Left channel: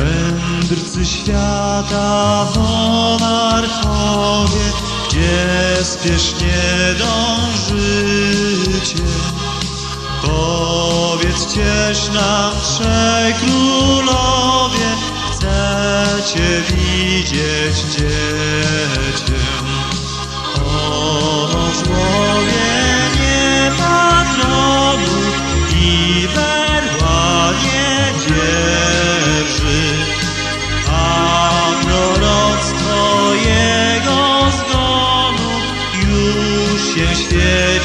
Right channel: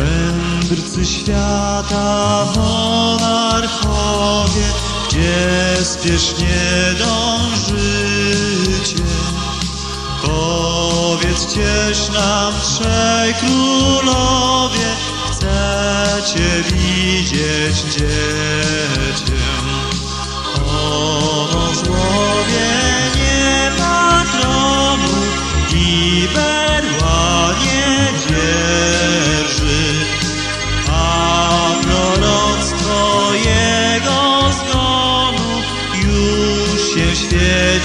Mędrcy świata, monarchowie, gdzie spiesznie dążycie. Powiedzcież nam trzej królowie, chcecie widzieć dziecię.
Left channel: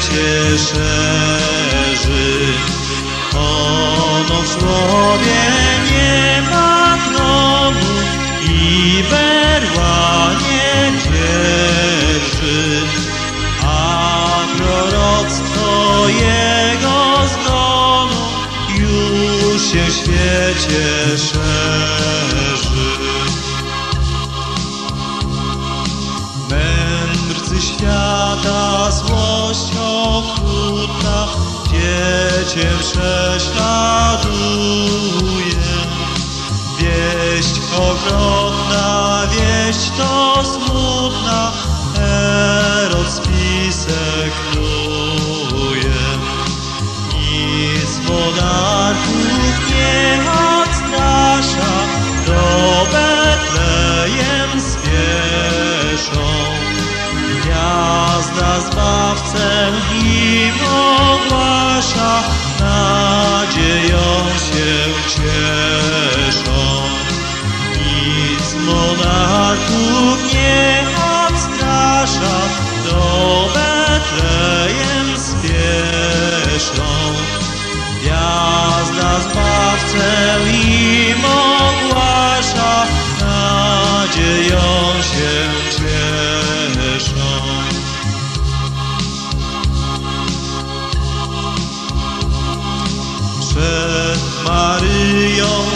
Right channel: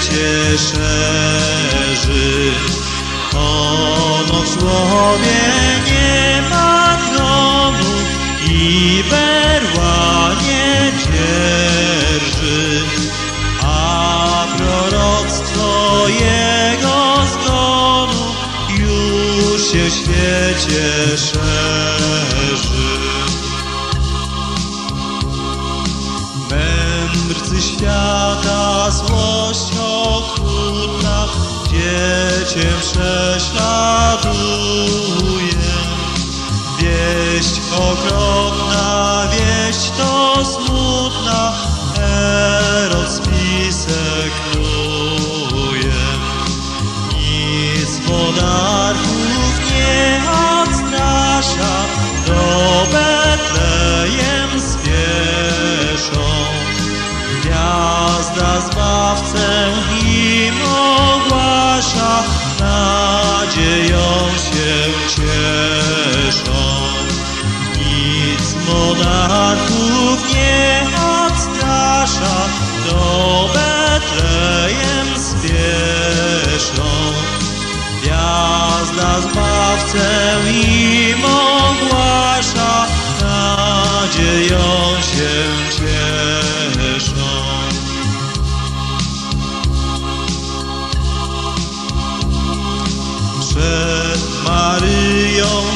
Świecie szerzy. Ono złowienie patronu i berła nie dzierży, a proroctwo jego zgonu już się w świecie szerzy. Mędrcy świata złość okrutna dziecię prześladuje. Wieść okropna, wieść to smutna, nadzieją się cieszą. Nic monarchów nie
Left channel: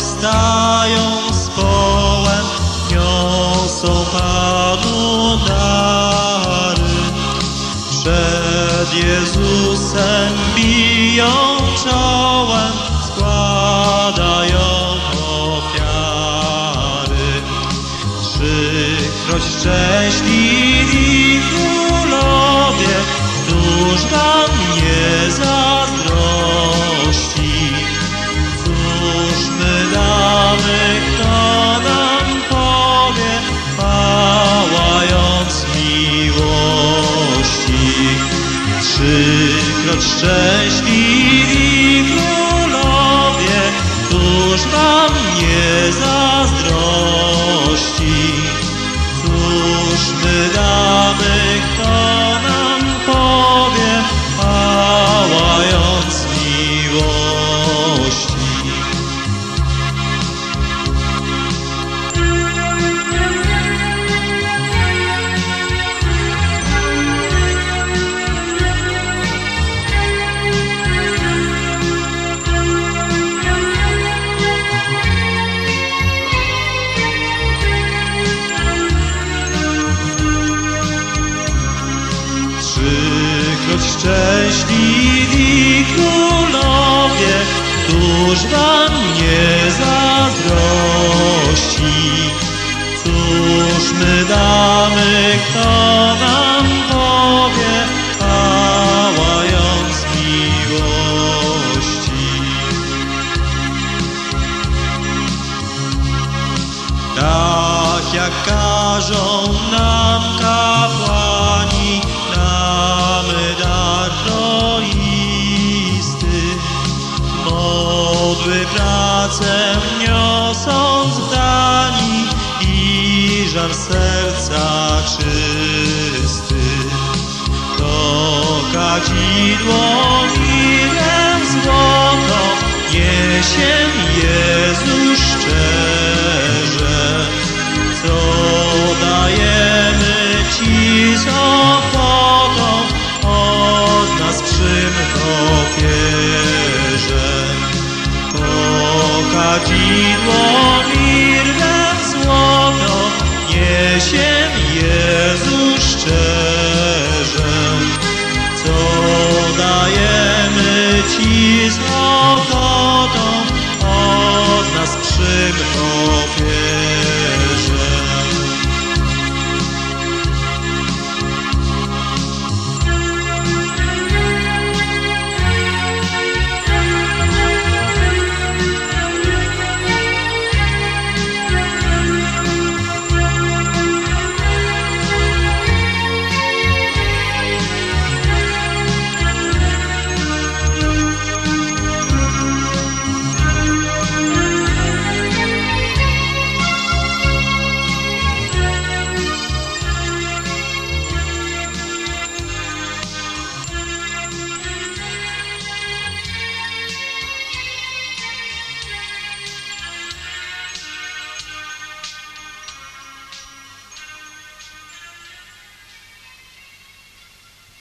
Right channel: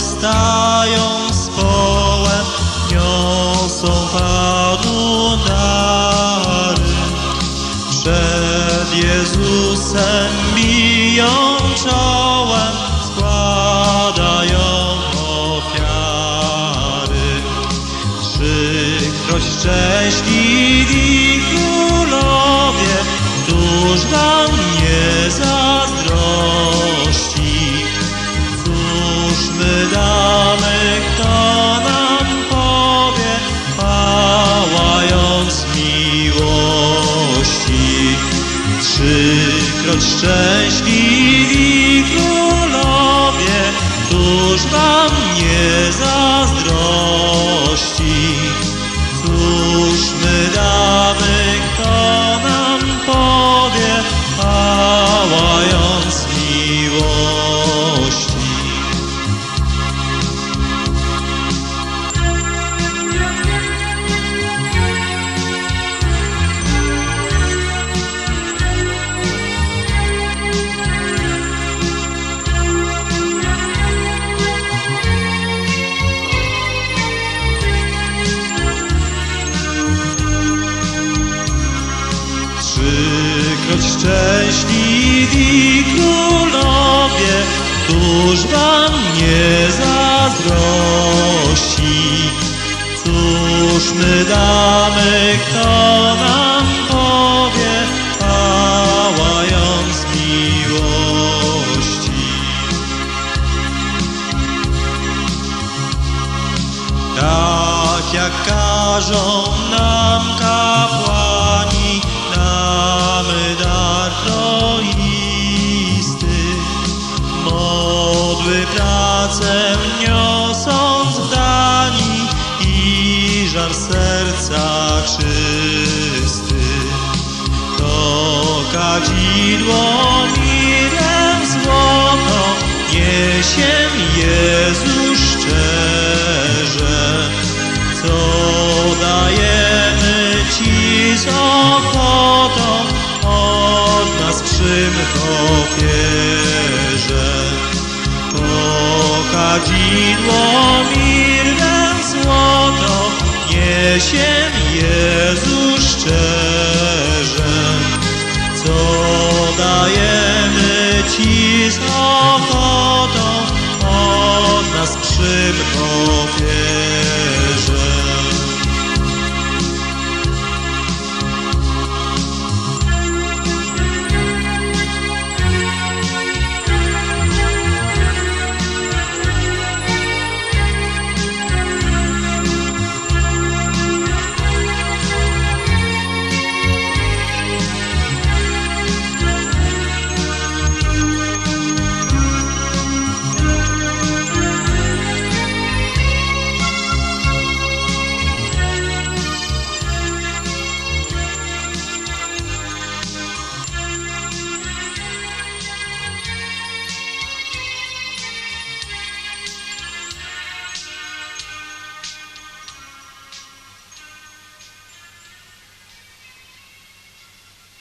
Maryją stają z połem, niosą Panu dary. Przed Jezusem biją czołem, składają ofiary. Trzykroć szczęśliwi królowie, któż wam szczęśliwi królowie, któż wam nie zazdrości? Szczęśliwi królowie, któż wam nie zazdrości? Cóż my damy, kto nam powie, pałając miłości? Tak jak każą nam kapłani, żar serca czysty. To kadzidło mirem złoto niesie Jezus szczerze. Co dajemy Ci z ochotą, od nas przymkło pierze. To kadzidło dziś ochotą od nas przybrał